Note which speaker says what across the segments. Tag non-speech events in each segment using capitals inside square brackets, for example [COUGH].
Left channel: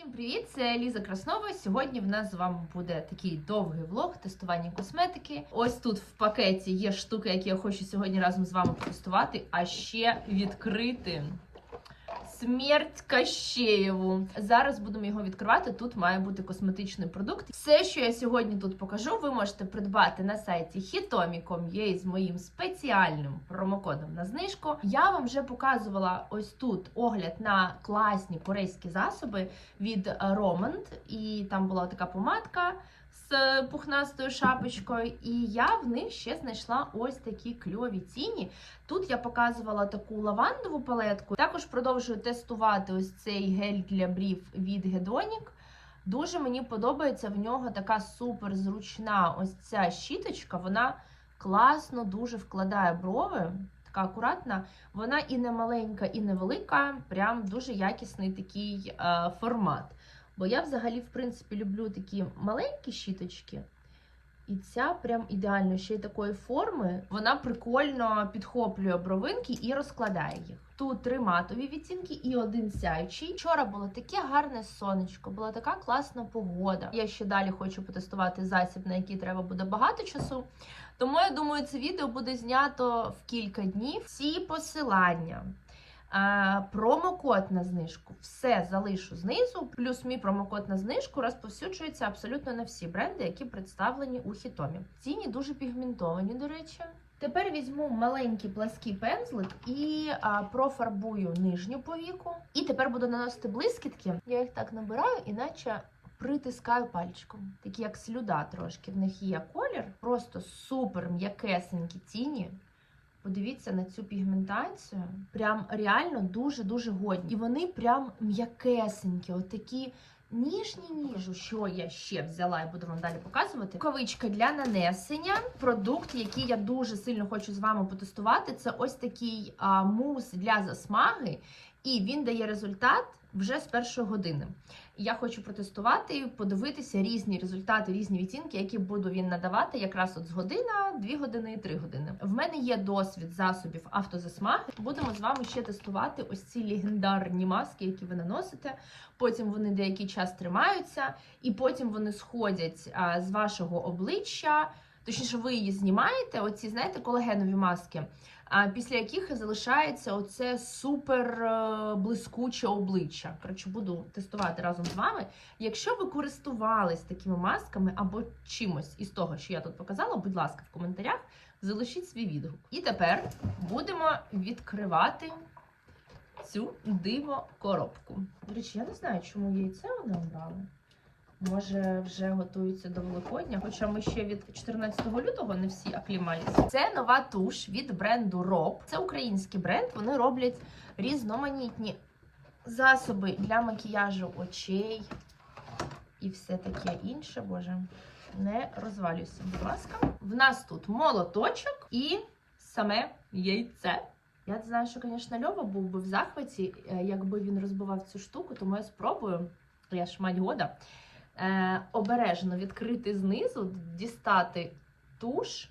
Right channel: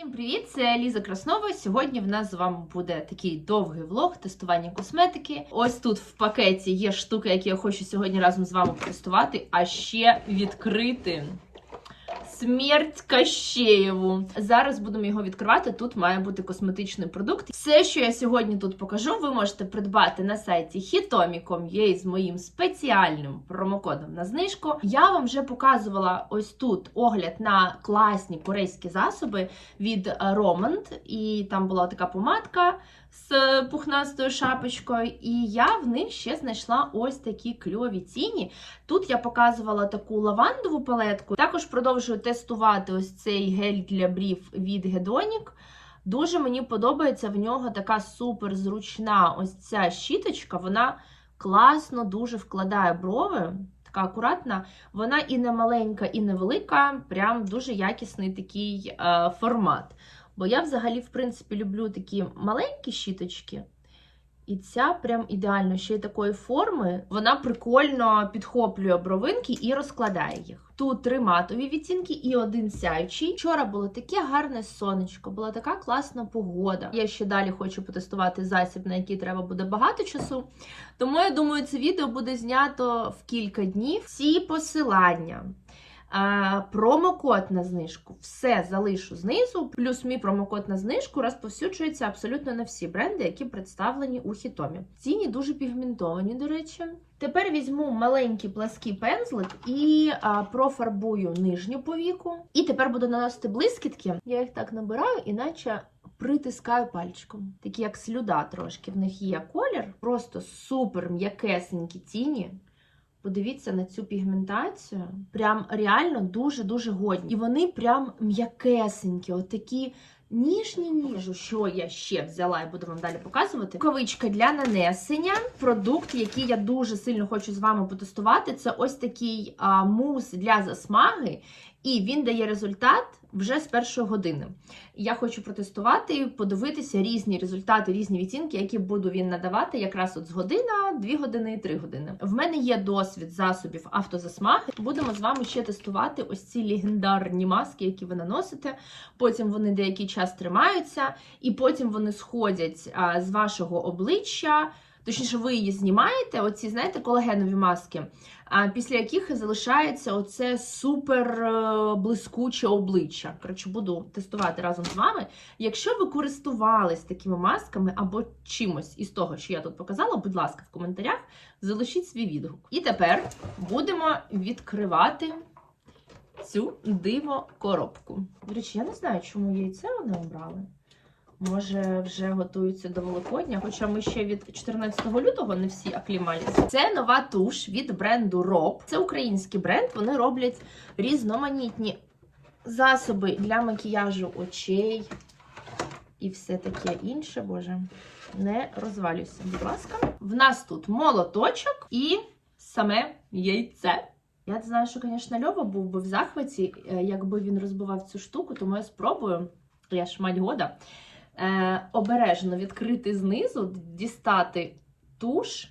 Speaker 1: Всім привіт! Це Ліза Краснова. Сьогодні в нас з вами буде такий довгий влог тестування косметики. Ось тут в пакеті є штуки, які я хочу сьогодні разом з вами протестувати, а ще відкрити. Смерть Кащеєву. Зараз будемо його відкривати. Тут має бути косметичний продукт. Все, що я сьогодні тут покажу, ви можете придбати на сайті hitomi.com.ua з моїм спеціальним промокодом на знижку. Я вам вже показувала ось тут огляд на класні корейські засоби від е, Romand. І там була така помадка з пухнастою шапочкою. І я в них ще знайшла ось такі кльові ціні. Тут я показувала таку лавандову палетку. Також продовжую тестувати ось цей гель для брів від Hedonic. Дуже мені подобається в нього така супер зручна ось ця щіточка. Вона класно дуже вкладає брови. Така акуратна, вона і не маленька, і не велика. Прям дуже якісний такий е, формат. Бо я взагалі, в принципі, люблю такі маленькі щіточки. І ця прям ідеально ще й такої форми. Вона прикольно підхоплює бровинки і розкладає їх. Тут три матові відтінки і один сяючий. Вчора було таке гарне сонечко, була така класна погода. Я ще далі хочу потестувати засіб, на який треба буде багато часу. Тому я думаю, це відео буде знято в кілька днів. Всі посилання. А, промокод на знижку. Все залишу знизу. Плюс мій промокод на знижку розповсюджується абсолютно на всі бренди, які представлені у хітомі. Ціні дуже пігментовані, до речі. Тепер візьму маленький плаский пензлик і а, профарбую нижню повіку. І тепер буду наносити блискітки. Я їх так набираю, іначе. Притискаю пальчиком, такі як слюда трошки. В них є колір, просто супер м'якесенькі тіні. Подивіться на цю пігментацію. Прям реально дуже-дуже годні. І вони прям м'якесенькі, отакі ніжні ніжу. Що я ще взяла і буду вам далі показувати. Рукавичка для нанесення. Продукт, який я дуже сильно хочу з вами потестувати. Це ось такий а, мус для засмаги, і він дає результат вже з першої години. Я хочу протестувати, подивитися різні результати, різні відтінки, які буду він надавати якраз от з година, 2 години 3 години. В мене є досвід засобів автозасмаги. Будемо з вами ще тестувати ось ці легендарні маски, які ви наносите. Потім вони деякий час тримаються, і потім вони сходять з вашого обличчя. Точніше, ви її знімаєте, оці, знаєте, колагенові маски, після яких залишається оце супер е, блискуче обличчя. Коротше, буду тестувати разом з вами. Якщо ви користувались такими масками або чимось із того, що я тут показала, будь ласка, в коментарях залишіть свій відгук. І тепер будемо відкривати цю диво коробку. До речі, я не знаю, чому яйце вони обрали. Може, вже готуються до Великодня, хоча ми ще від 14 лютого не всі аклімалися. Це нова туш від бренду Rob. Це український бренд. Вони роблять різноманітні засоби для макіяжу очей і все таке інше. Боже, не розвалюйся, будь ласка. В нас тут молоточок і саме яйце. Я знаю, що, звісно, Льова був би в захваті, е, якби він розбивав цю штуку, тому я спробую. Я ж мать года е, обережно відкрити знизу, дістати туш,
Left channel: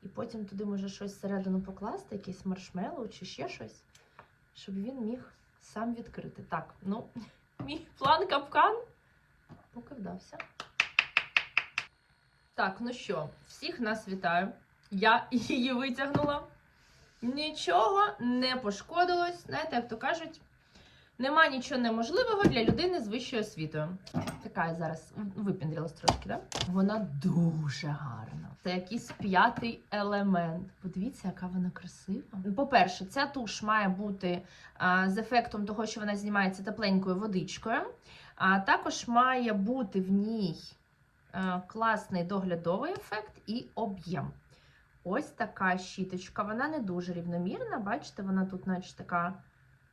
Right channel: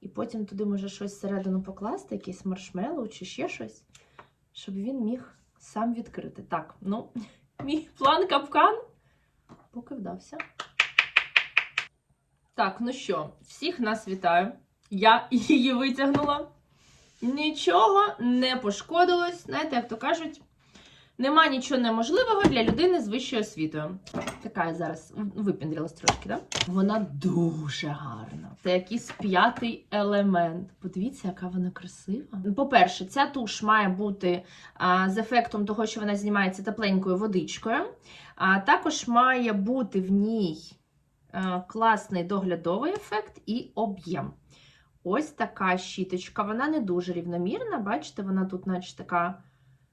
Speaker 1: і потім туди може щось всередину покласти, якийсь маршмеллоу чи ще щось, щоб він міг сам відкрити. Так, ну, [LAUGHS] мій план капкан поки вдався. Так, ну що, всіх нас вітаю. Я [LAUGHS] її витягнула. Нічого не пошкодилось. Знаєте, як то кажуть, Нема нічого неможливого для людини з вищою освітою. Така я зараз випіндрилась трошки, да? Вона дуже гарна. Це якийсь п'ятий елемент. Подивіться, яка вона красива. По-перше, ця туш має бути а, з ефектом того, що вона знімається тепленькою водичкою. А також має бути в ній а, класний доглядовий ефект і об'єм. Ось така щіточка. Вона не дуже рівномірна. Бачите, вона тут, наче така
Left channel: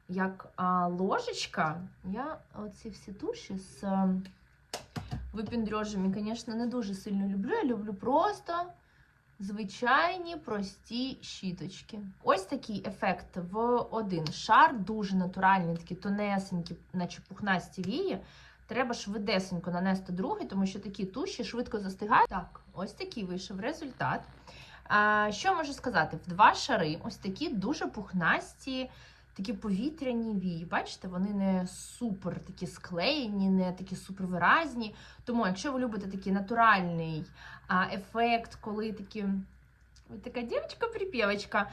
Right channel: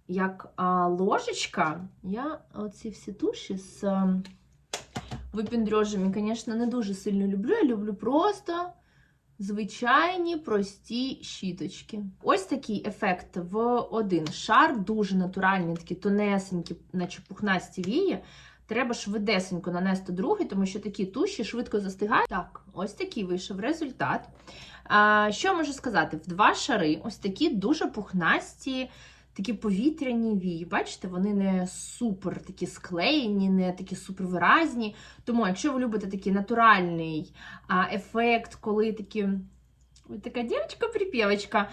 Speaker 1: як а, ложечка. Я оці всі туші з а, випіндрьожами, звісно, не дуже сильно люблю. Я люблю просто звичайні прості щіточки. Ось такий ефект в один шар, дуже натуральний, такі тонесенькі, наче пухнасті вії. Треба швидесенько нанести другий, тому що такі туші швидко застигають. Так, ось такий вийшов результат. А, Що можу сказати? В два шари ось такі дуже пухнасті такі повітряні вії. Бачите, вони не супер такі склеєні, не такі супер виразні. Тому, якщо ви любите такий натуральний а, ефект, коли такі. Ви така дівчинка-припівочка,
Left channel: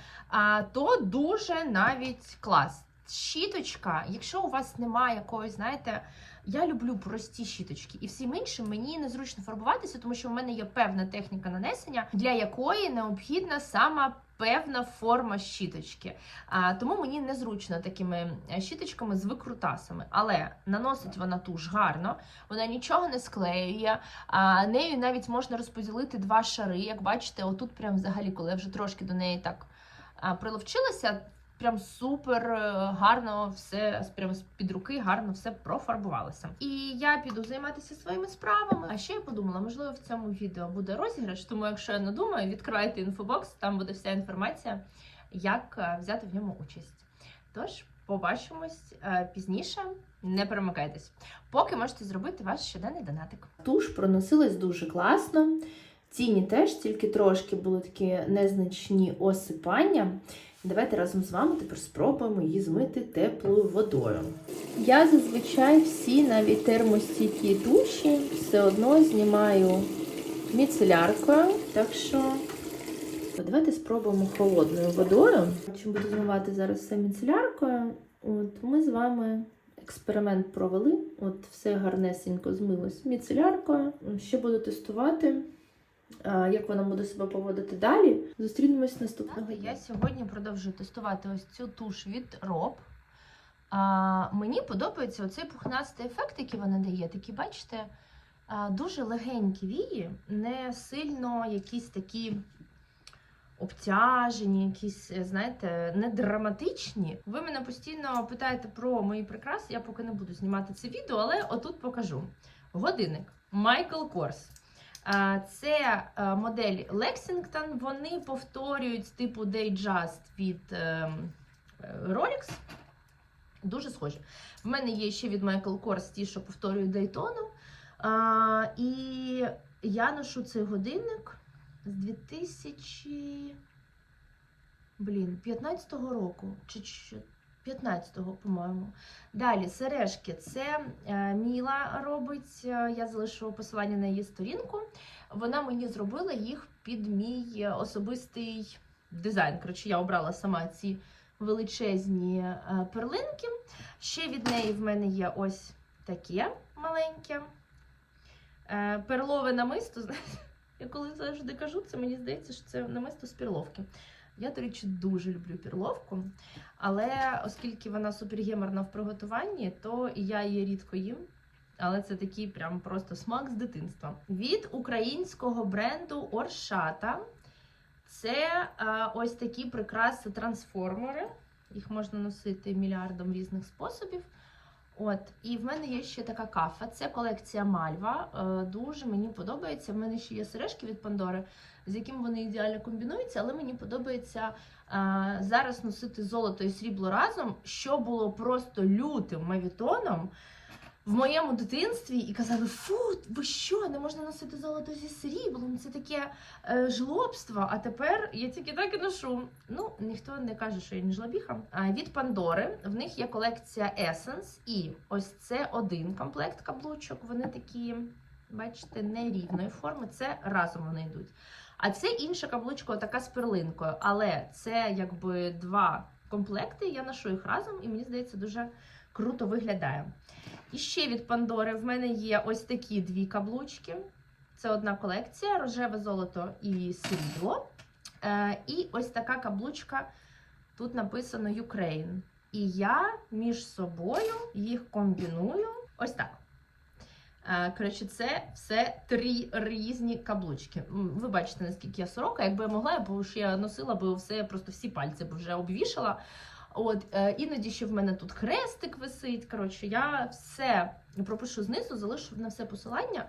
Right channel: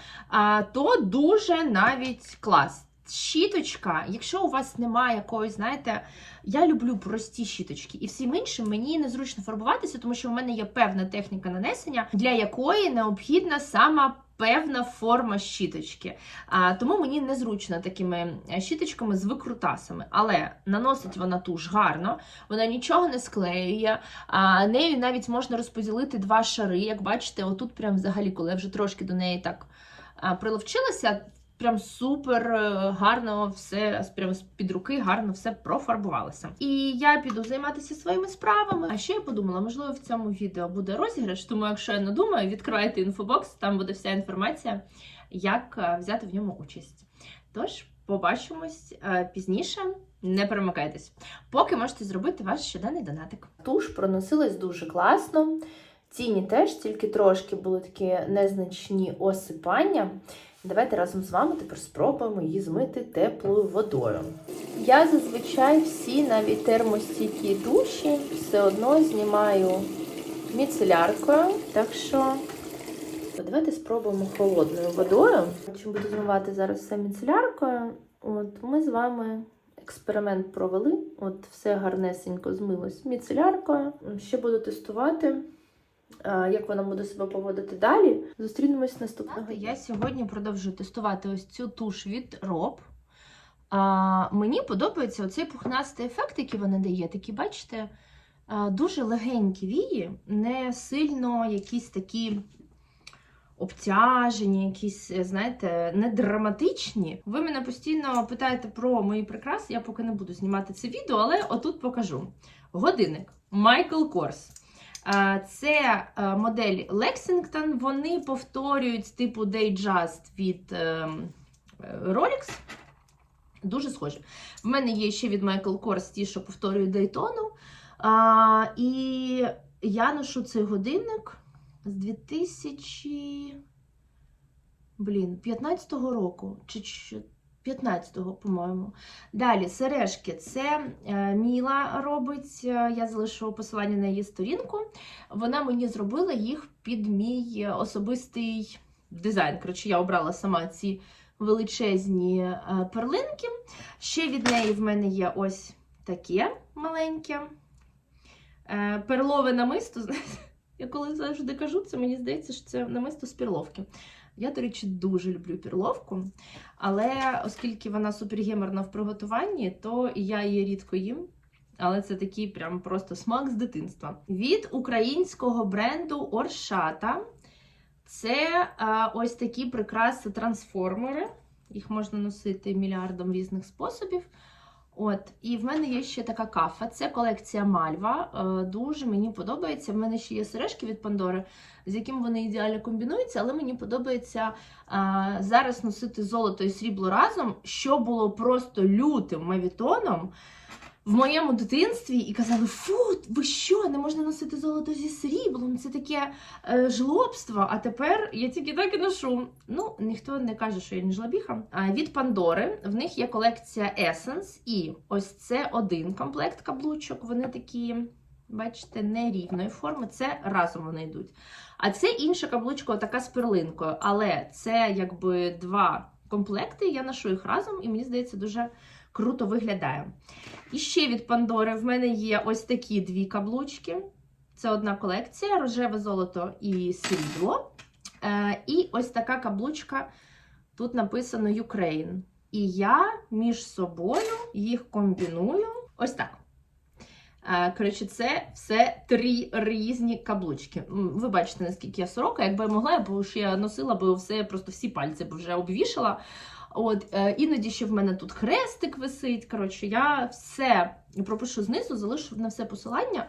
Speaker 1: то дуже навіть клас. Щіточка, якщо у вас немає якоїсь, знаєте, я люблю прості щіточки, і всім іншим мені незручно фарбуватися, тому що в мене є певна техніка нанесення, для якої необхідна сама певна форма щіточки. А, тому мені незручно такими е, щіточками з викрутасами. Але наносить вона туш гарно, вона нічого не склеює. А нею навіть можна розподілити два шари. Як бачите, отут прям взагалі, коли я вже трошки до неї так приловчилася. Прям супер е, гарно все прямо з під руки гарно все профарбувалося. І я піду займатися своїми справами. А ще я подумала, можливо, в цьому відео буде розіграш. Тому, якщо я надумаю, відкривайте інфобокс, там буде вся інформація, як е, взяти в ньому участь. Тож, побачимось е, пізніше. Не перемикайтесь. Поки можете зробити ваш щоденний донатик. Туш проносилась дуже класно. Тіні теж, тільки трошки були такі незначні осипання. Давайте разом з вами тепер спробуємо її змити теплою водою. Я зазвичай всі навіть термостійкі туші все одно знімаю міцеляркою, так що давайте спробуємо холодною водою. Чим буду змивати зараз все міцеляркою, от ми з вами експеримент провели. От все гарнесенько змилось міцеляркою. Ще буду тестувати. А, Як вона буде себе поводити далі? Зустрінемось наступного. дня. Я сьогодні продовжую тестувати ось цю туш від Роб. А, мені подобається оцей пухнастий ефект, який вона дає. Такі, бачите, а, дуже легенькі вії, не сильно якісь такі обтяжені, якісь, е, знаєте, не драматичні. Ви мене постійно питаєте про мої прикраси. Я поки не буду знімати це відео, але отут покажу. Годинник Michael Kors. Це е, модель Lexington. Вони повторюють типу Datejust від ем, е, Rolex. Дуже схожі. В мене є ще від Michael Kors ті, що повторюють Daytona. І я ношу цей годинник з 2000, блін, 15-го року. Чи- 15-го, по-моєму. Далі сережки. Це е, Міла робить. е, Я залишу посилання на її сторінку. Вона мені зробила їх під мій е, особистий дизайн. Коротше, я обрала сама ці величезні перлинки. Ще від неї в мене є ось таке маленьке. Перлове намисто. [LAUGHS] Я коли завжди кажу, це мені здається, що це намисто з перловки. Я, до речі, дуже люблю перловку, але оскільки вона супергеморна в приготуванні, то я її рідко їм. Але це такий прям просто смак з дитинства. Від українського бренду Оршата. Це а, ось такі прикраси трансформери. Їх можна носити мільярдом різних способів. От, і в мене є ще така кафа. Це колекція Мальва. Е, Дуже мені подобається. В мене ще є сережки від Пандори, з яким вони ідеально комбінуються, але мені подобається а, зараз носити золото і срібло разом, що було просто лютим мавітоном в моєму дитинстві, і казали: Фу, ви що, не можна носити золото зі сріблом? Це таке е, жлобство. А тепер я тільки так і ношу. Ну, ніхто не каже, що я не жлобіха. А від Пандори в них є колекція Essence, і ось це один комплект каблучок. Вони такі, бачите, нерівної форми. Це разом вони йдуть. А це інша каблучка, така з перлинкою. Але це якби два комплекти. Я ношу їх разом, і мені здається, дуже круто виглядає. І ще від Пандори в мене є ось такі дві каблучки. Це одна колекція: рожеве золото і срібло. Е, і ось така каблучка. Тут написано Ukraine. І я між собою їх комбіную ось так. Е, Коротше, це все три різні каблучки. Ви бачите, наскільки я сорока. Якби я могла, я б ще носила б все, просто всі пальці б вже обвішала. От, е, іноді ще в мене тут хрестик висить. Коротше, я все пропишу знизу, залишу на все посилання.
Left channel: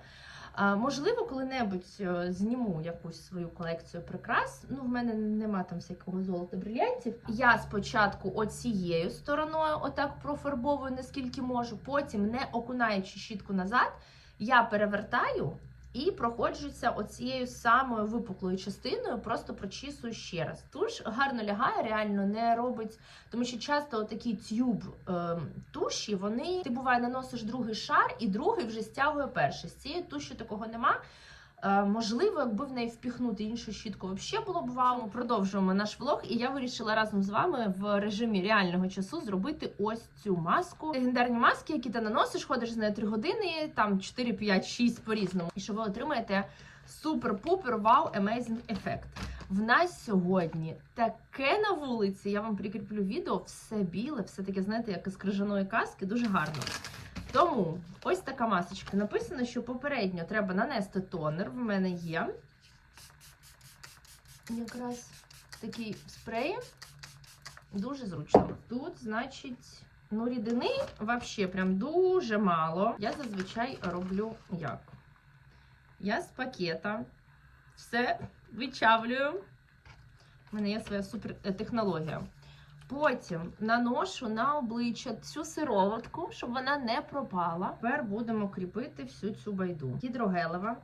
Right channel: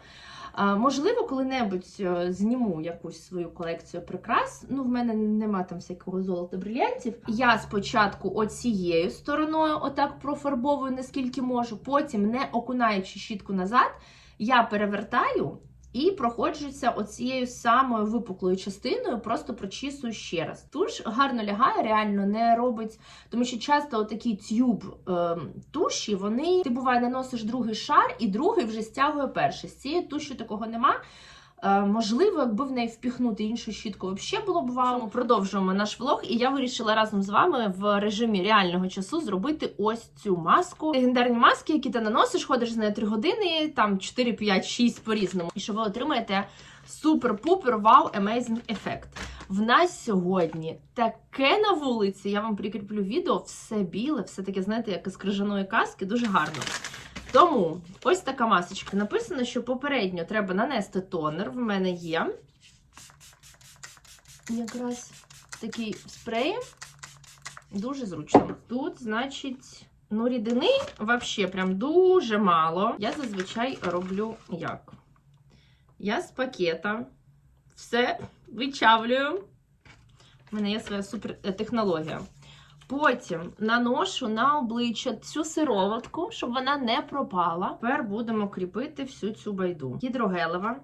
Speaker 1: Можливо, коли-небудь е, зніму якусь свою колекцію прикрас. Ну, в мене нема там всякого золота брильянтів. Я спочатку оцією стороною отак профарбовую, наскільки можу, потім, не окунаючи щітку назад, я перевертаю. І проходжуся оцією самою випуклою частиною, просто прочісую ще раз. Туш гарно лягає, реально не робить, тому що часто отакі тюб е, туші, вони ти буває наносиш другий шар, і другий вже стягує перший. З цією тушю такого нема. Е, можливо, якби в неї впіхнути іншу щітку, взагалі було б вау. Продовжуємо наш влог, і я вирішила разом з вами в режимі реального часу зробити ось цю маску. Легендарні маски, які ти наносиш, ходиш з нею 3 години, там 4, 5, 6 по-різному. І що ви отримаєте супер-пупер вау amazing ефект. В нас сьогодні таке на вулиці. Я вам прикріплю відео, все біле, все таке, знаєте, як із крижаної каски, дуже гарно. Тому ось така масочка. Написано, що попередньо треба нанести тонер. В мене є якраз такий спрей. Дуже зручно. Тут, значить, ну, рідини взагалі прям дуже мало. Я зазвичай роблю як? Я з пакета все вичавлюю. У мене є своя супер е, технологія. Потім наношу на обличчя цю сироватку, щоб вона не пропала. Тепер будемо кріпити всю цю байду. Гідрогелева.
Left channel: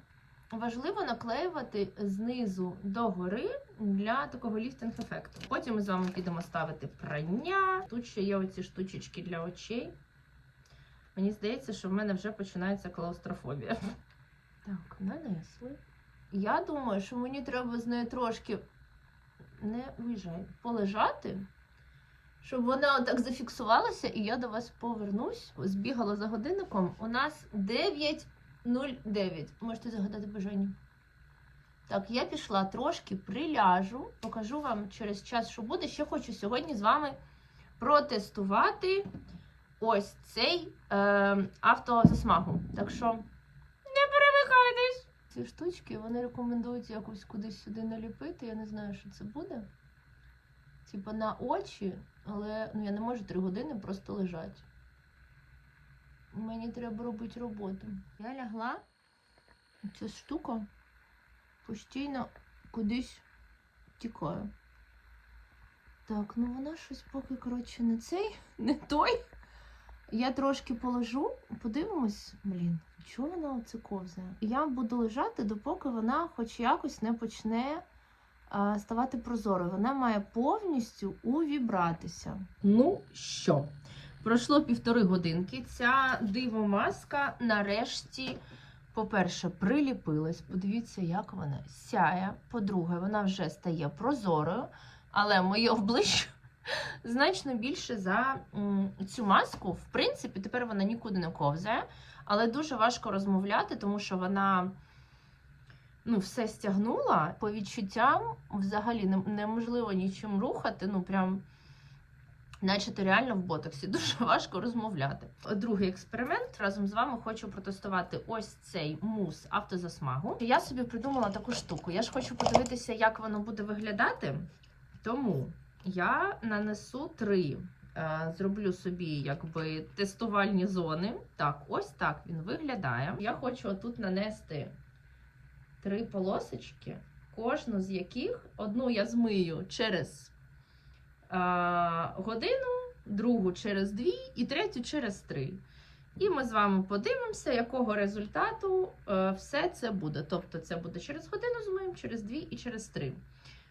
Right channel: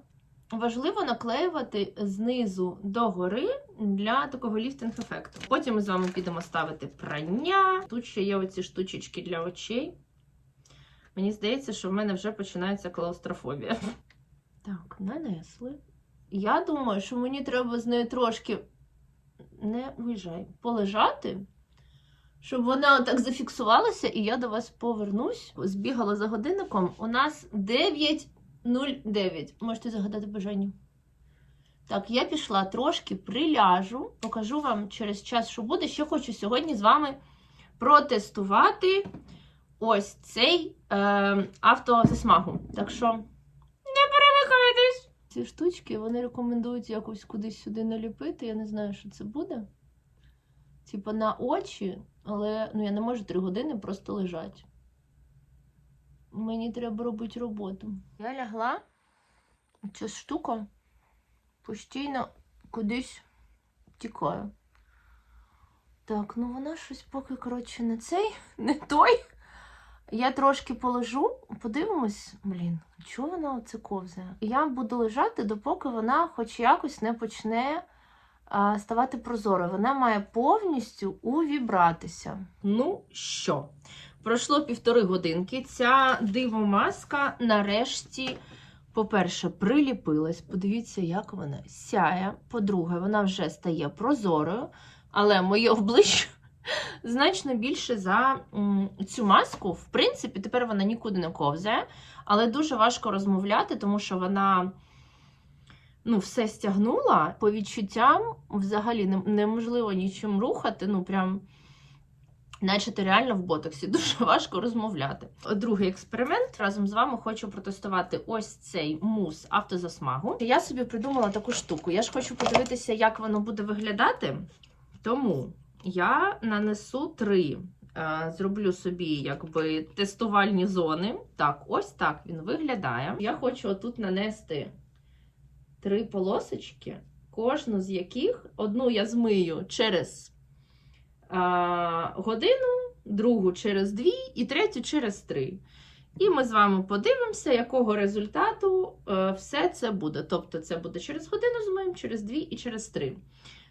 Speaker 1: Важливо наклеювати знизу до гори для такого ліфтинг-ефекту. Потім ми з вами підемо ставити прання. Тут ще є оці штучечки для очей. Мені здається, що в мене вже починається клаустрофобія. Так, нанесли. Я думаю, що мені треба з нею трошки не виїжджай, полежати щоб вона так зафіксувалася, і я до вас повернусь. Збігала за годинником. У нас 9.09. Можете загадати бажання. Так, я пішла трошки приляжу, покажу вам через час, що буде. Ще хочу сьогодні з вами протестувати ось цей е, автозасмагу. Так що не перемикайтесь! Ці штучки вони рекомендують якось кудись сюди наліпити. Я не знаю, що це буде. Типа на очі, але ну, я не можу три години просто лежати. Мені треба робити роботу. Я лягла, ця штука постійно кудись тікає. Так, ну вона щось поки, коротше, не цей, [LAUGHS] не той. Я трошки положу, подивимось, блін, чого вона оце ковзає? Я буду лежати, допоки вона хоч якось не почне ставати прозорою. Вона має повністю увібратися. Ну що, пройшло півтори годинки. Ця дивомаска нарешті, по-перше, приліпилась. Подивіться, як вона сяє. По-друге, вона вже стає прозорою, але моє обличчя. [LAUGHS] Значно більше за цю маску. В принципі, тепер вона нікуди не ковзає, але дуже важко розмовляти, тому що вона ну, все стягнула. По відчуттям взагалі неможливо нічим рухати. Ну, прям, наче ти реально в ботоксі. [LAUGHS] Дуже важко розмовляти. Другий експеримент разом з вами хочу протестувати ось цей мус автозасмагу. Я собі придумала таку штуку. Я ж хочу подивитися, як воно буде виглядати. Тому я нанесу три. е, Зроблю собі якби тестувальні зони. Так, ось так він виглядає. Я хочу отут нанести три полосочки, кожну з яких одну я змию через а, годину, другу через дві і третю через три. І ми з вами подивимося, якого результату е, все це буде. Тобто, це буде через годину змиємо, через дві і через три.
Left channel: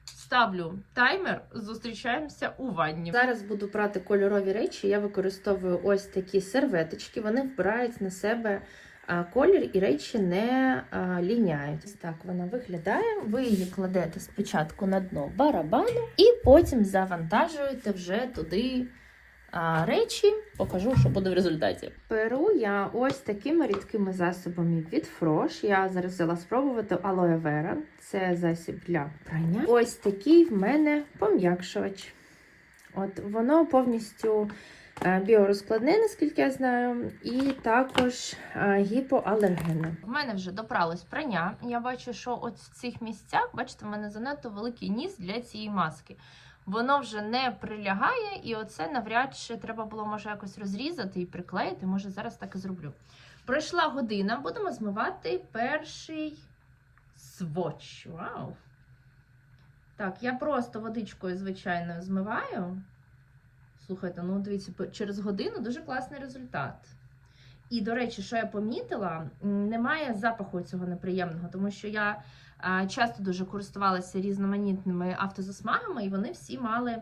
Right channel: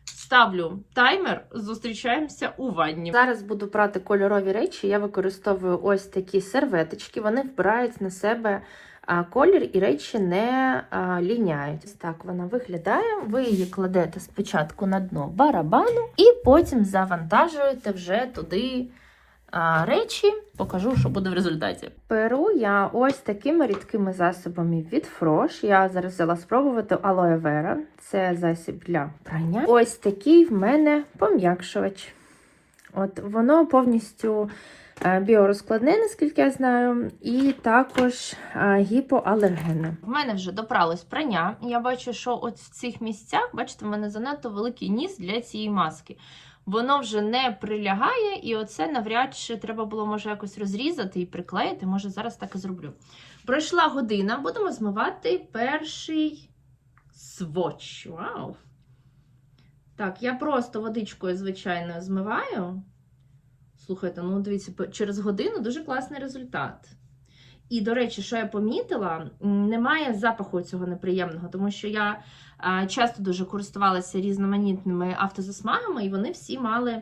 Speaker 1: Ставлю таймер, зустрічаємося у ванні. Зараз буду прати кольорові речі. Я використовую ось такі серветочки. Вони вбирають на себе колір і речі не ліняють. Так вона виглядає. Ви її кладете спочатку на дно барабану і потім завантажуєте вже туди. Речі покажу, що буде в результаті. Перу я ось такими рідкими засобами від Frosh. Я зараз взяла спробувати алоe vera. Це засіб для прання. Ось такий в мене пом'якшувач. От воно повністю біорозкладне, наскільки я знаю, і також е, гіпоалергенне. В мене вже допралось прання. Я бачу, що от в цих місцях, бачите, в мене занадто великий ніс для цієї маски. Воно вже не прилягає, і оце навряд чи треба було може якось розрізати і приклеїти. Може, зараз так і зроблю. Пройшла година, будемо змивати перший сводч. Вау! Так, я просто водичкою, звичайно, змиваю. Слухайте, ну дивіться, через годину дуже класний результат. І, до речі, що я помітила, немає запаху цього неприємного, тому що я часто дуже користувалася різноманітними автозасмагами, і вони всі мали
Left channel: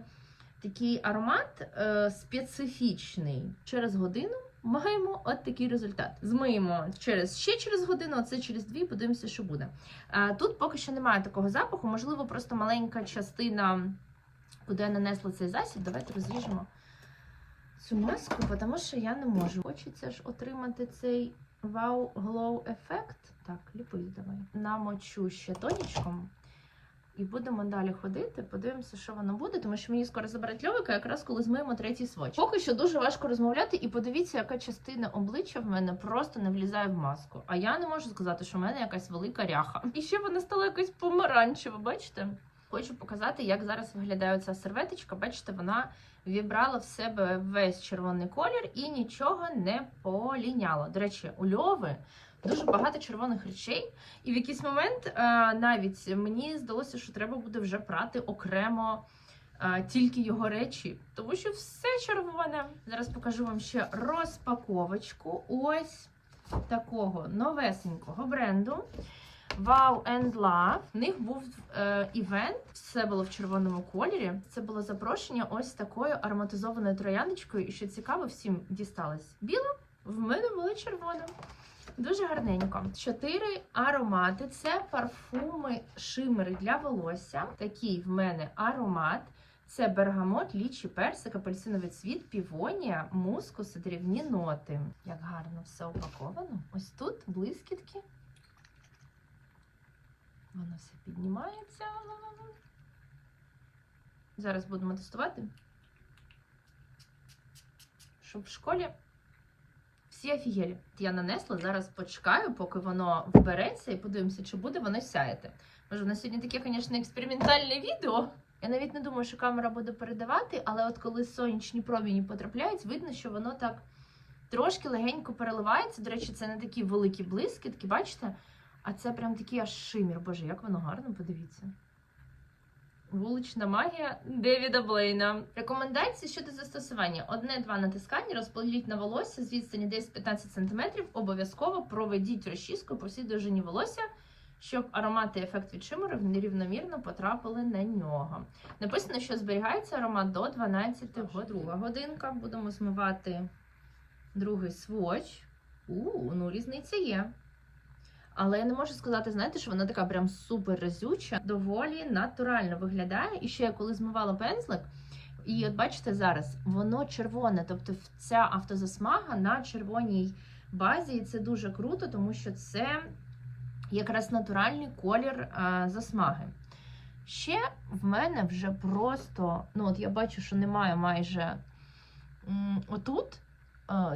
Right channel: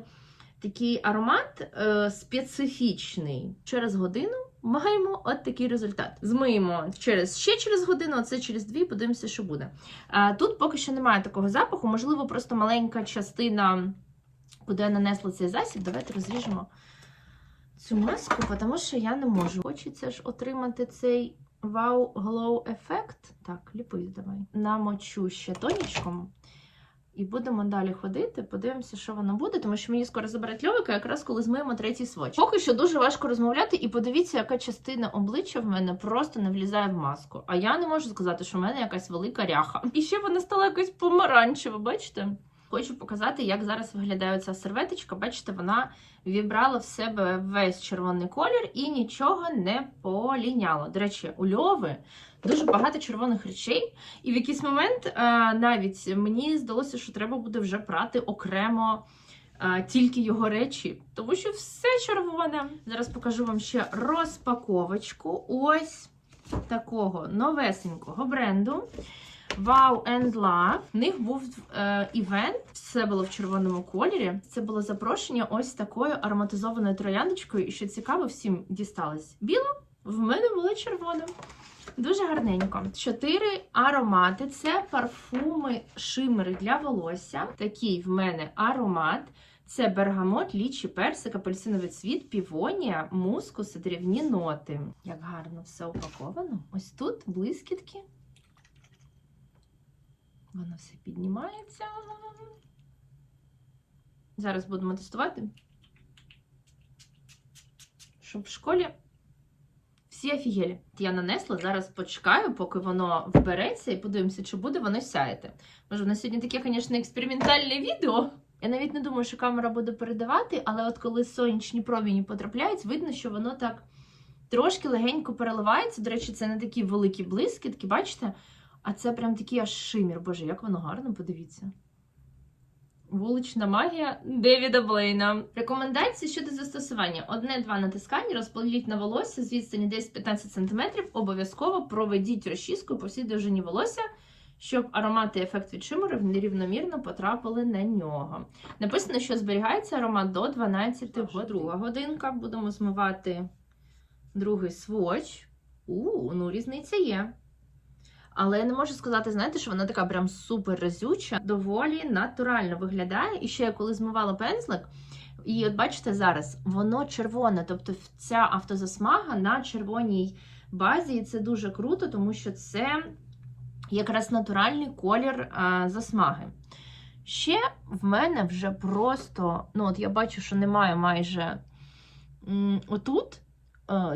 Speaker 1: такий аромат е, специфічний. Через годину маємо от такий результат. Змиємо через ще через годину, а це через дві, подивимося, що буде. Тут поки що немає такого запаху, можливо, просто маленька частина, куди я нанесла цей засіб. Давайте розріжемо цю маску, тому що я не можу. Хочеться ж отримати цей Wow Glow ефект. Так, ліпись давай. Намочу ще тонічком. І будемо далі ходити, подивимося, що воно буде, тому що мені скоро заберуть льовика, якраз коли змиємо третій сводч. Поки що дуже важко розмовляти, і подивіться, яка частина обличчя в мене просто не влізає в маску. А я не можу сказати, що в мене якась велика ряха. І ще вона стала якась помаранчева, бачите? Хочу показати, як зараз виглядає ця серветочка. Бачите, вона вібрала в себе весь червоний колір і нічого не поліняло. До речі, у льови дуже багато червоних речей, і в якийсь момент а, навіть мені здалося, що треба буде вже прати окремо а, тільки його речі, тому що все червоне. Зараз покажу вам ще розпаковочку. Ось такого новесенького бренду. Wow and Love. В них був е, івент, все було в червоному кольорі. Це було запрошення ось такою ароматизованою трояндочкою. І що цікаво, всім дісталось біла. В мене було червона. Дуже гарненько. Чотири аромати. Це парфуми шимери для волосся. Такий в мене аромат. Це бергамот, лічі, персик, апельсиновий цвіт, півонія, мускус і дрібні ноти. Як гарно все упаковано. Ось тут блискітки. Воно все піднімається. Зараз будемо тестувати. Щоб в школі всі офігелі. Я нанесла, зараз почекаю, поки воно вбереться, і подивимося, чи буде воно сяяти. Може, в нас сьогодні таке, звісно, експериментальне відео. Я навіть не думаю, що камера буде передавати, але от коли сонячні промені потрапляють, видно, що воно так трошки легенько переливається. До речі, це не такі великі блискітки, бачите? А це прям такий аж шимір. Боже, як воно гарно, подивіться. Вулична магія Девіда Блейна. Рекомендації щодо застосування: одне-два натискання, розподіліть на волосся з відстані 10-15 см. Обов'язково проведіть розчіску по всій довжині волосся, щоб аромати і ефект від шимеру нерівномірно потрапили на нього. Написано, що зберігається аромат до 12 годин. Друга годинка. Будемо змивати другий сводч. У, ну різниця є. Але я не можу сказати, знаєте, що вона така прям супер разюча, доволі натурально виглядає. І ще я коли змивала пензлик, і от бачите зараз, воно червоне. Тобто ця автозасмага на червоній базі, і це дуже круто, тому що це якраз натуральний колір а, засмаги. Ще в мене вже просто, ну от я бачу, що немає майже м, отут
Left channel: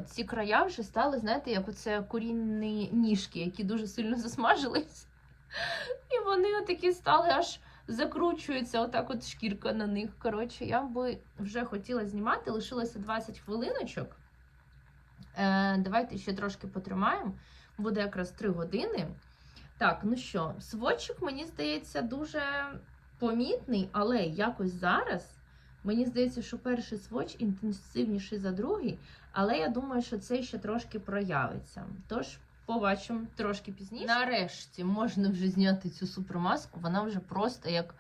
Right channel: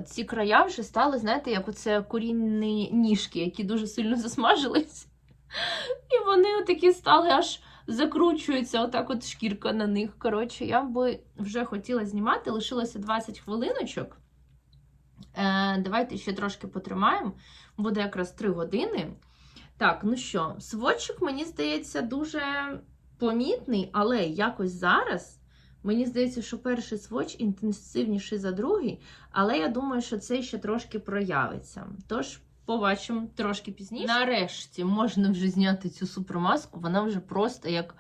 Speaker 1: ці края вже стали, знаєте, як оце курінні ніжки, які дуже сильно засмажились. І вони отакі стали аж закручуються, отак от шкірка на них. Коротше, я би вже хотіла знімати, лишилося 20 хвилиночок. Е, Давайте ще трошки потримаємо. Буде якраз 3 години. Так, ну що, сводчик, мені здається, дуже помітний, але якось зараз. Мені здається, що перший сводч інтенсивніший за другий, але я думаю, що це ще трошки проявиться. Тож побачимо трошки пізніше. Нарешті можна вже зняти цю супермаску. Вона вже просто як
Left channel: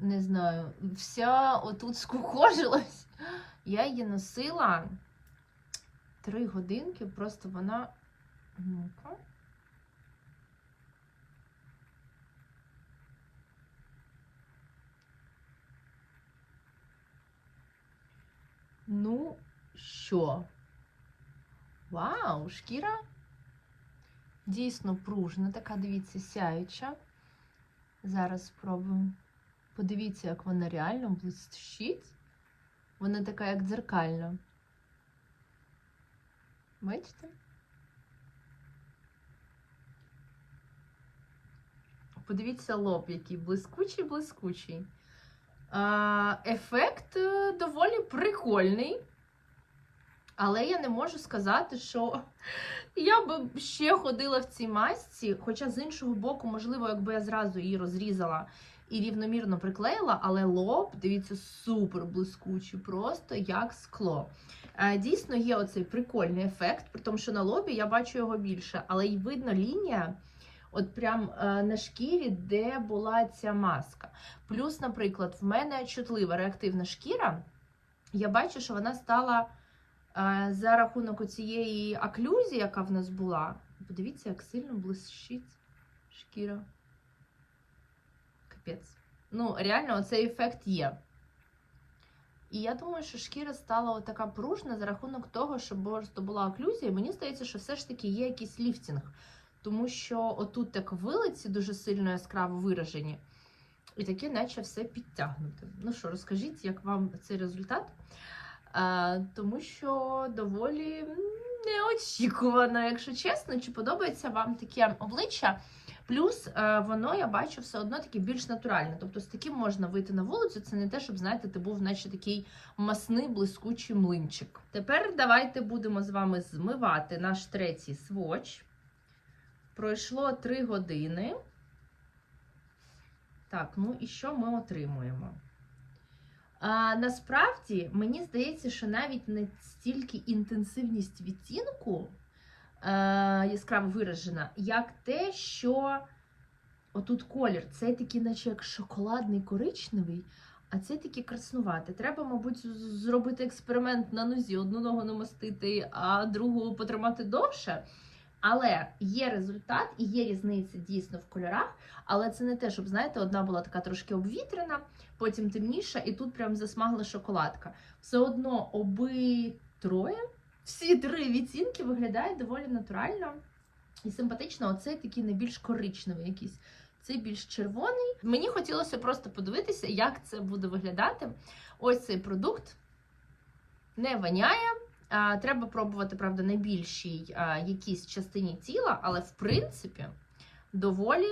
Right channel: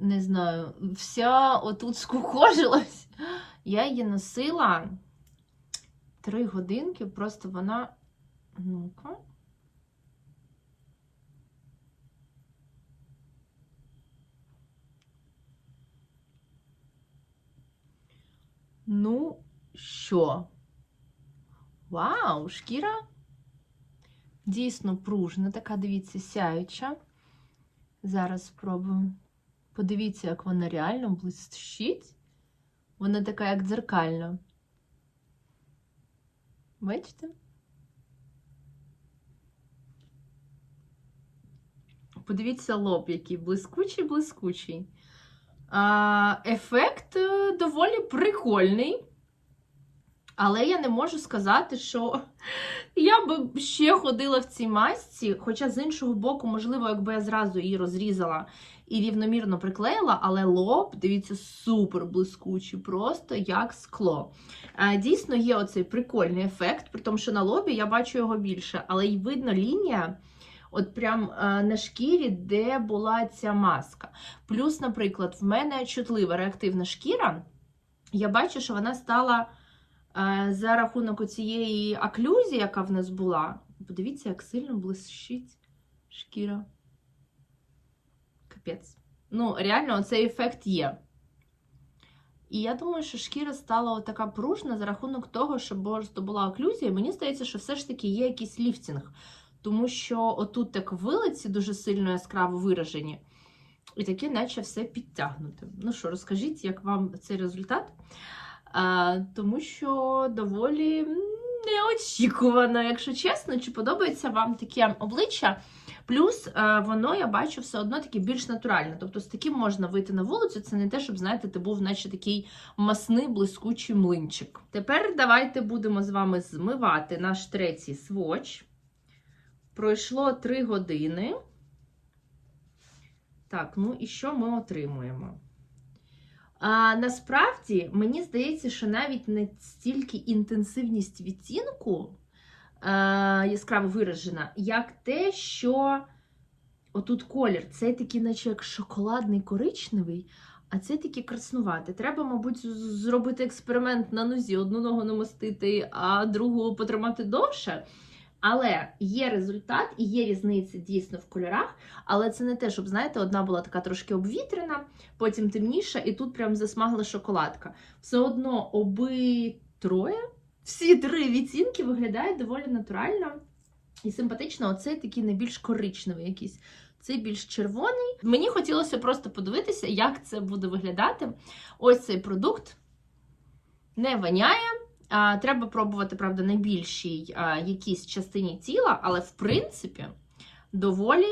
Speaker 1: не знаю, вся отут скукожилась. Я її носила три годинки, просто вона. Ну-ка. Ну, що? Вау, шкіра дійсно пружна, така, дивіться, сяюча. Зараз спробуємо. Подивіться, як вона реально блищить. Вона така, як дзеркальна. Бачите? Подивіться лоб, який блискучий, блискучий. Ефект е, доволі прикольний. Але я не можу сказати, що [LAUGHS] я б ще ходила в цій масці. Хоча з іншого боку, можливо, якби я зразу її розрізала і рівномірно приклеїла, але лоб, дивіться, супер блискучий, просто як скло. Е, Дійсно, є оцей прикольний ефект, при тому, що на лобі я бачу його більше, але й видно лінія. От прям е, на шкірі, де була ця маска. Плюс, наприклад, в мене чутлива реактивна шкіра. Я бачу, що вона стала за рахунок цієї оклюзії, яка в нас була. Подивіться, як сильно блищить шкіра. Капець. Ну, реально, цей ефект є. І я думаю, що шкіра стала така пружна за рахунок того, що просто була оклюзія. Мені здається, що все ж таки є якийсь ліфтінг. Тому що отут так вилиці дуже сильно яскраво виражені. І таке, наче все підтягнуте. Ну що, розкажіть, як вам цей результат? Тому що доволі неочікувано, якщо чесно, чи подобається вам таке обличчя. Плюс е, воно, я бачу, все одно таке більш натуральне. Тобто з таким можна вийти на вулицю. Це не те, щоб, знаєте, ти був, наче такий масний, блискучий млинчик. Тепер давайте будемо з вами змивати наш третій сводч. Пройшло 3 години. Так, ну і що ми отримуємо? А, насправді, мені здається, що навіть не стільки інтенсивність відтінку а, яскраво виражена, як те, що отут колір, цей такий, наче як шоколадний коричневий, а це такий краснуватий. Треба, мабуть, зробити експеримент на нозі, одну ногу намостити, а другу потримати довше. Але є результат і є різниця дійсно в кольорах. Але це не те, щоб, знаєте, одна була така трошки обвітрена, потім темніша, і тут прям засмагла шоколадка. Все одно оби всі три відцінки виглядають доволі натурально і симпатично. Оцей такий найбільш коричневий якийсь. Цей більш червоний. Мені хотілося просто подивитися, як це буде виглядати. Ось цей продукт не воняє. Треба пробувати, правда, на більшій якійсь частині тіла, але в принципі доволі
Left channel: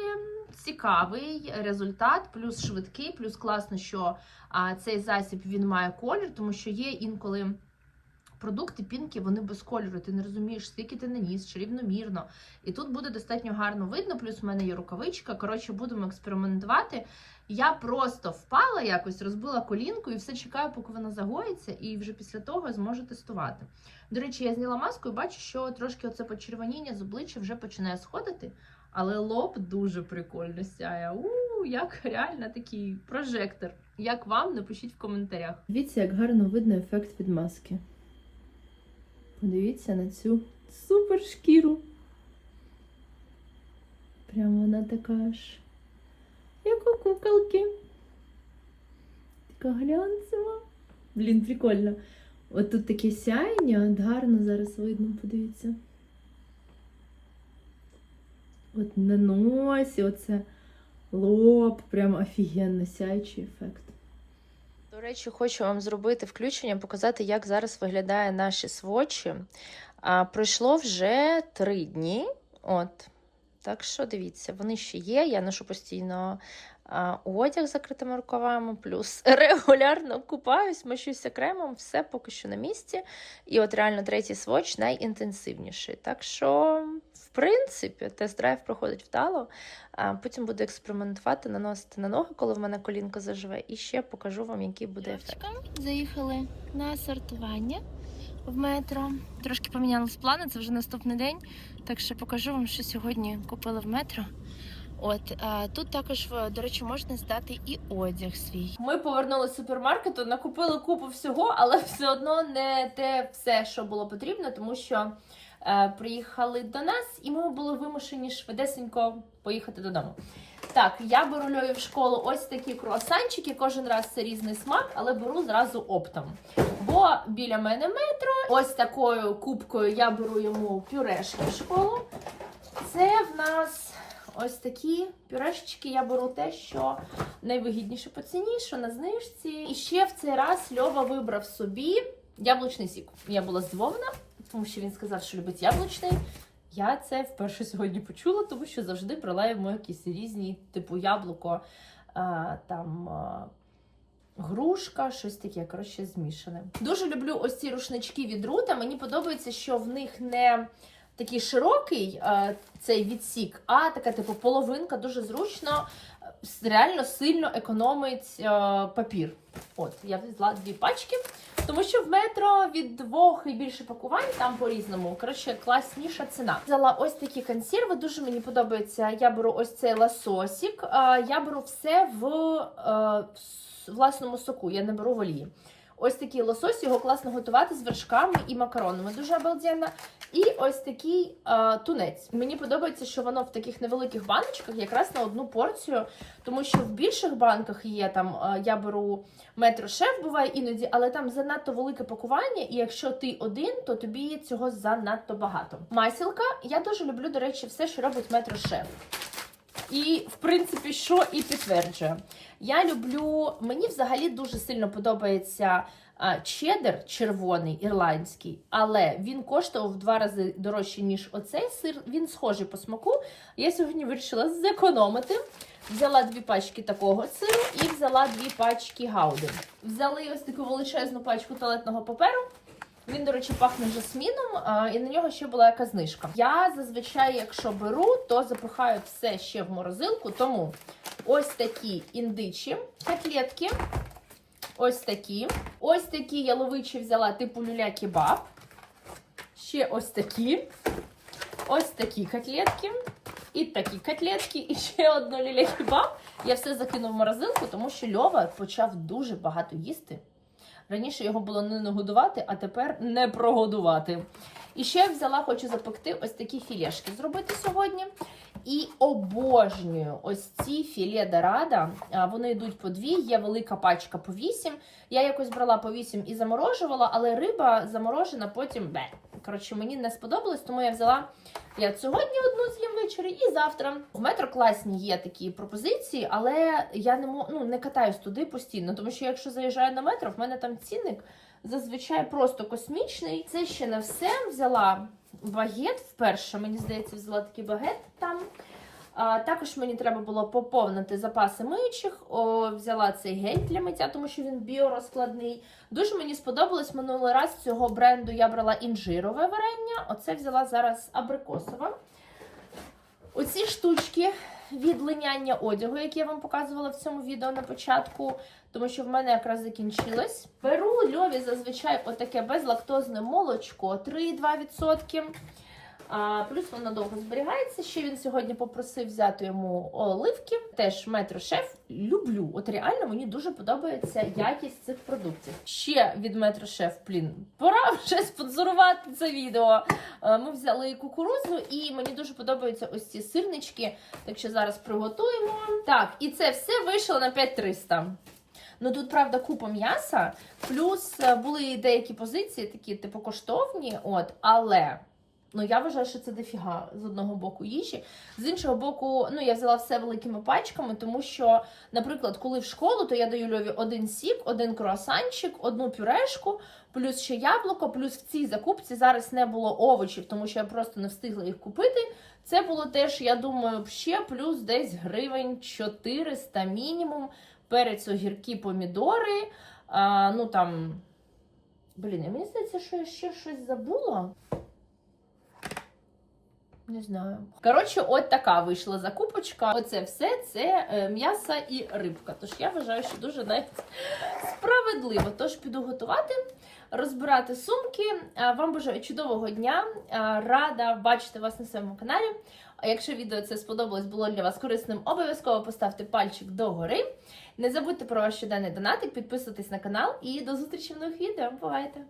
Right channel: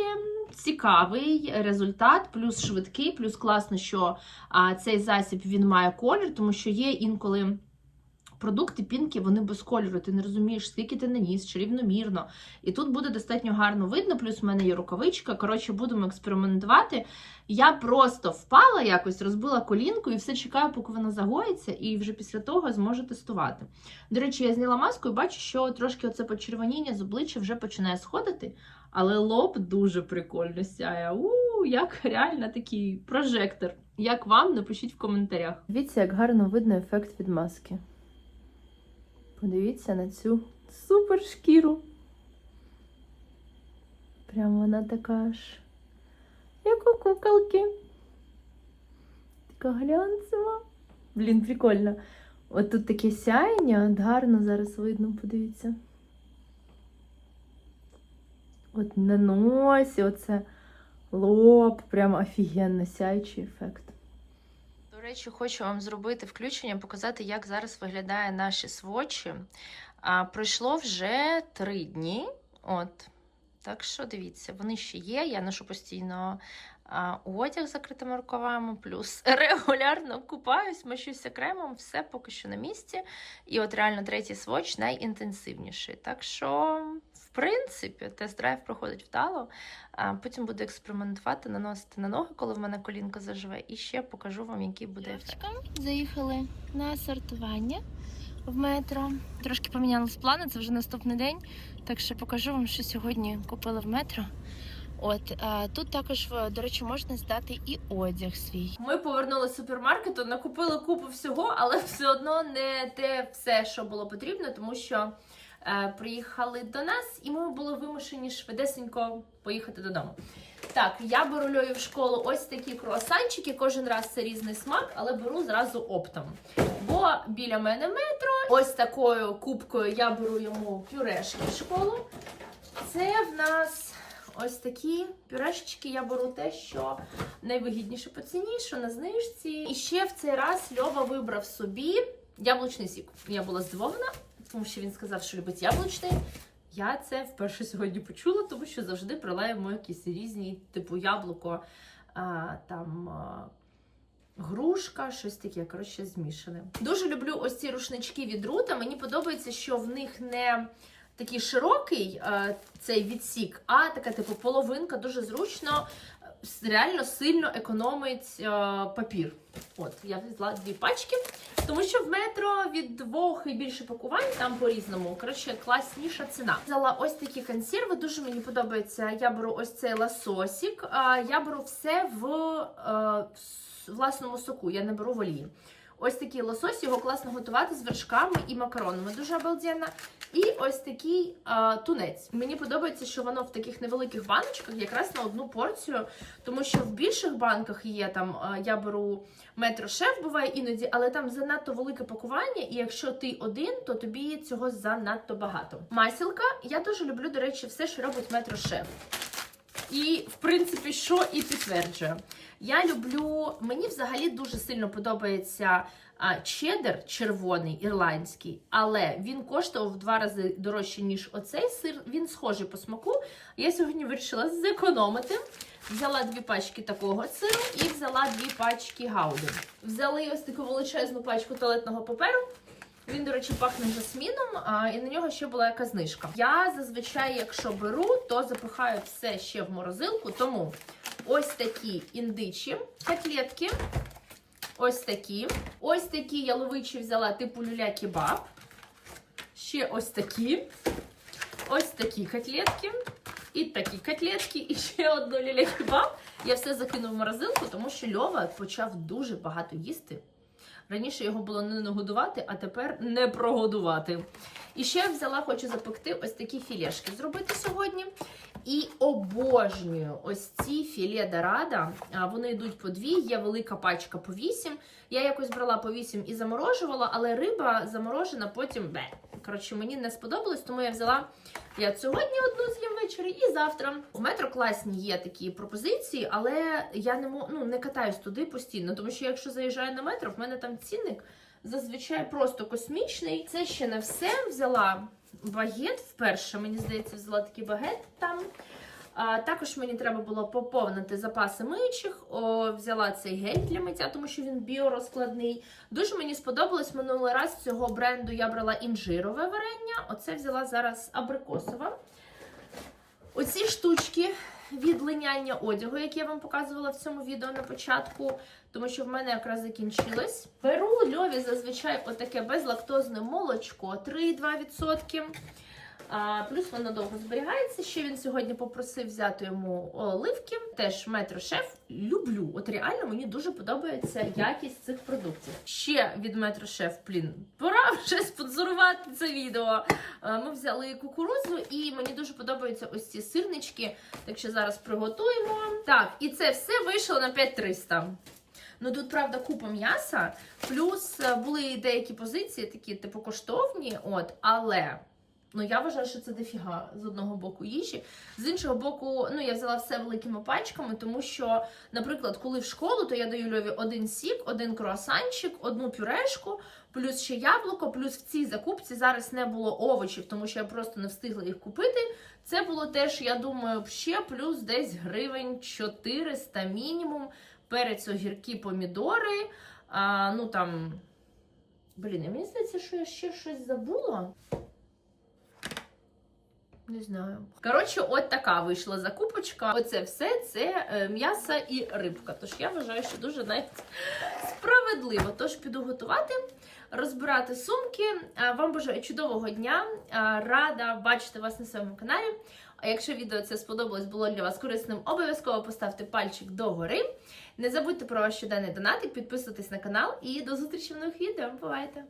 Speaker 1: цікавий результат, плюс швидкий, плюс класно, що цей засіб він має колір, тому що є інколи. Продукти пінки, вони без кольору, ти не розумієш, скільки ти наніс, чи рівномірно. І тут буде достатньо гарно видно, плюс в мене є рукавичка. Коротше, будемо експериментувати. Я просто впала якось, розбила колінку і все чекаю, поки вона загоїться, і вже після того зможу тестувати. До речі, я зняла маску і бачу, що трошки оце почервоніння з обличчя вже починає сходити, але лоб дуже прикольно сяє. У, як реально такий прожектор. Як вам? Напишіть в коментарях.
Speaker 2: Дивіться, як гарно видно ефект від маски. Подивіться на цю супер шкіру. Прямо вона така ж, як у куколки. Така глянцева. Блін, прикольно. От тут таке сяєння, от гарно зараз видно, подивіться. От на носі, оце лоб, прям офігенно сяючий ефект. Речі, хочу вам зробити включення, показати, як зараз виглядає наші свочі. А, пройшло вже три дні. От. Так що дивіться, вони ще є. Я ношу постійно а, одяг з закритими рукавами, плюс [LAUGHS] регулярно купаюсь, мочуся кремом, все поки що на місці. І от реально третій своч найінтенсивніший. Так що, в принципі, тест-драйв проходить вдало. А потім буду експериментувати, наносити на ноги, коли в мене колінка заживе, і ще покажу вам, який буде ефект.
Speaker 3: Заїхали на сортування в метро. Трошки помінялись плани, це вже наступний день. Так що покажу вам, що сьогодні купили в метро. От а, тут також, в- до речі, можна здати і одяг свій.
Speaker 1: Ми повернулися з супермаркету, накупили купу всього, але все одно не те все, що було потрібно, тому що е, приїхали до нас, і ми були вимушені швидесенько поїхати додому. Так, я беру Льові в школу ось такі круасанчики. Кожен раз це різний смак, але беру зразу оптом. Бо біля мене метро. Ось такою кубкою я беру йому пюрешки в школу. Це в нас ось такі пюрешечки. Я беру те, що найвигідніше по ціні, що на знижці. І ще в цей раз Льова вибрав собі яблучний сік. Я була здивована, тому що він сказав, що любить яблучний. Я це вперше сьогодні почула, тому що завжди йому якісь різні, типу яблуко, а, там а, грушка, щось таке, коротше, змішане. Дуже люблю ось ці рушнички від рута. Мені подобається, що в них не такий широкий а, цей відсік, а така, типу, половинка, дуже зручно. реально сильно економить е, папір. От, я взяла дві пачки. Тому що в метро від двох і більше пакувань там по-різному. Коротше, класніша ціна. Взяла ось такі консерви. Дуже мені подобається. Я беру ось цей ласосік. Я беру все в в власному соку. Я не беру в олії. Ось такий лосось, його класно готувати з вершками і макаронами. Дуже обалденно. І ось такий е, тунець. Мені подобається, що воно в таких невеликих баночках, якраз на одну порцію, тому що в більших банках є там. е, я беру метро шеф, буває іноді, але там занадто велике пакування, і якщо ти один, то тобі цього занадто багато. Масілка, я дуже люблю, до речі, все, що робить метро шеф. І, в принципі, що і підтверджує. Я люблю, мені взагалі дуже сильно подобається а, чеддер червоний ірландський, але він коштував в два рази дорожче, ніж оцей сир. Він схожий по смаку. Я сьогодні вирішила зекономити. Взяла дві пачки такого сиру і взяла дві пачки гауди. Взяли ось таку величезну пачку туалетного паперу. Він, до речі, пахне жасміном, а, і на нього ще була яка знижка. Я зазвичай, якщо беру, то запихаю все ще в морозилку. Тому ось такі індичі котлетки. Ось такі. Ось такі яловичі взяла типу люля-кебаб. Ще ось такі. Ось такі котлетки. І такі котлетки, і ще одну люля-кебаб. Я все закинув в морозилку, тому що Льова почав дуже багато їсти. Раніше його було не нагодувати, а тепер не прогодувати. І ще взяла, хочу запекти ось такі філешки зробити сьогодні. І обожнюю ось ці філе дорадо. А, Вони йдуть по дві, є велика пачка по вісім. Я якось брала по вісім і заморожувала, але риба заморожена потім бе. Коротше, мені не сподобалось, тому я взяла я сьогодні одну з'їм ввечері і завтра. В метро класні є такі пропозиції, але я не ну, не катаюсь туди постійно, тому що якщо заїжджаю на метро, в мене там цінник зазвичай просто космічний. Це ще не все. Взяла багет вперше. Мені здається, взяла такий багет там. А, також мені треба було поповнити запаси миючих. О, взяла цей гель для миття, тому що він біорозкладний. Дуже мені сподобалось минулий раз цього бренду. Я брала інжирове варення. Оце взяла зараз абрикосове. Оці штучки від линяння одягу, яке я вам показувала в цьому відео на початку, тому що в мене якраз закінчилось. Беру льові зазвичай отаке безлактозне молочко 3,2%. Плюс воно довго зберігається. Ще він сьогодні попросив взяти йому оливки. Теж метро шеф. Люблю. От реально мені дуже подобається якість цих продуктів. Ще від метро шеф, блін, пора [LAUGHS] вже спонсорувати це відео. Е, Ми взяли кукурудзу, і мені дуже подобаються ось ці сирнички. Так що зараз приготуємо. Так, і це все вийшло на 5300. Ну тут, правда, купа м'яса, плюс е, були деякі позиції, такі типу коштовні, от, але. Ну, я вважаю, що це дофіга з одного боку їжі. З іншого боку, ну я взяла все великими пачками, тому що, наприклад, коли в школу, то я даю Льові один сік, один круасанчик, одну пюрешку, плюс ще яблуко, плюс в цій закупці зараз не було овочів, тому що я просто не встигла їх купити. Це було теж, я думаю, ще плюс десь гривень 400 мінімум. Перець, огірки, помідори. А, ну там. Блін, мені здається, що я ще щось забула. Не знаю. Коротше, от така вийшла закупочка. Оце все це е, м'ясо і рибка. Тож я вважаю, що дуже навіть справедливо. Тож піду готувати, розбирати сумки. Вам бажаю чудового дня. Рада бачити вас на своєму каналі. А якщо відео це сподобалось, було для вас корисним, обов'язково поставте пальчик догори. Не забудьте про ваш щоденний донатик, підписуйтесь на канал і до зустрічі в нових відео. Бувайте!